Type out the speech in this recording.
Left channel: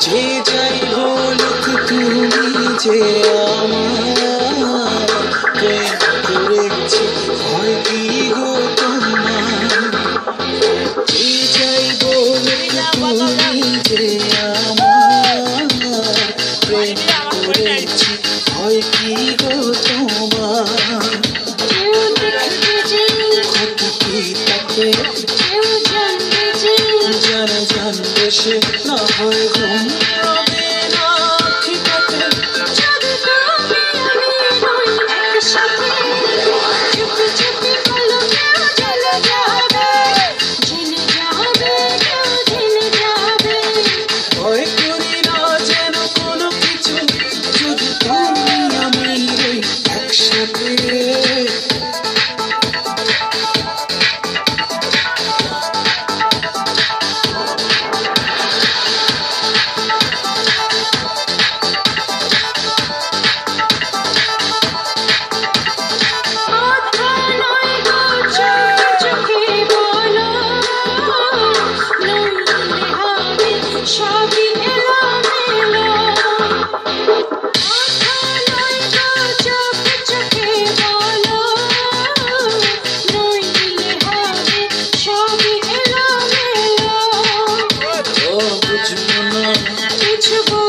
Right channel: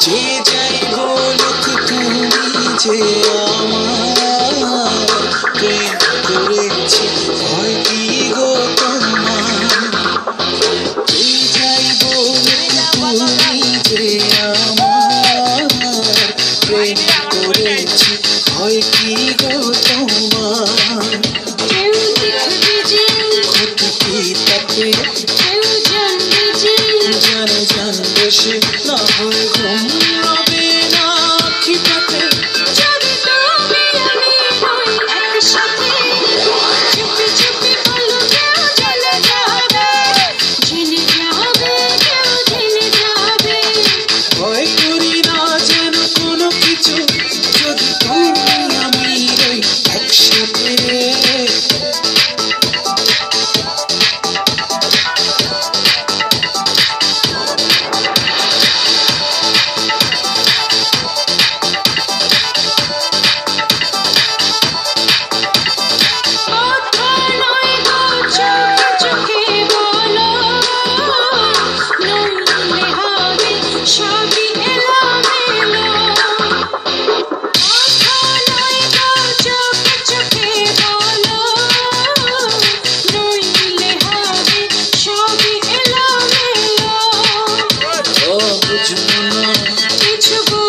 যে যাই বলুক তুমি যে আমার প্রেম করেছি হয় কি গো তোমার যে যাই বলুক তুমি যে আমার প্রেম করেছি হয় কি গো তোমার ঘটকি তাতে জানবে সে না হয় ঘুম রবে না কি পথে ভয় করি না যেন কোনো কিছু যদি তুমি আমি রই একসাথে বুঝবো না কিছু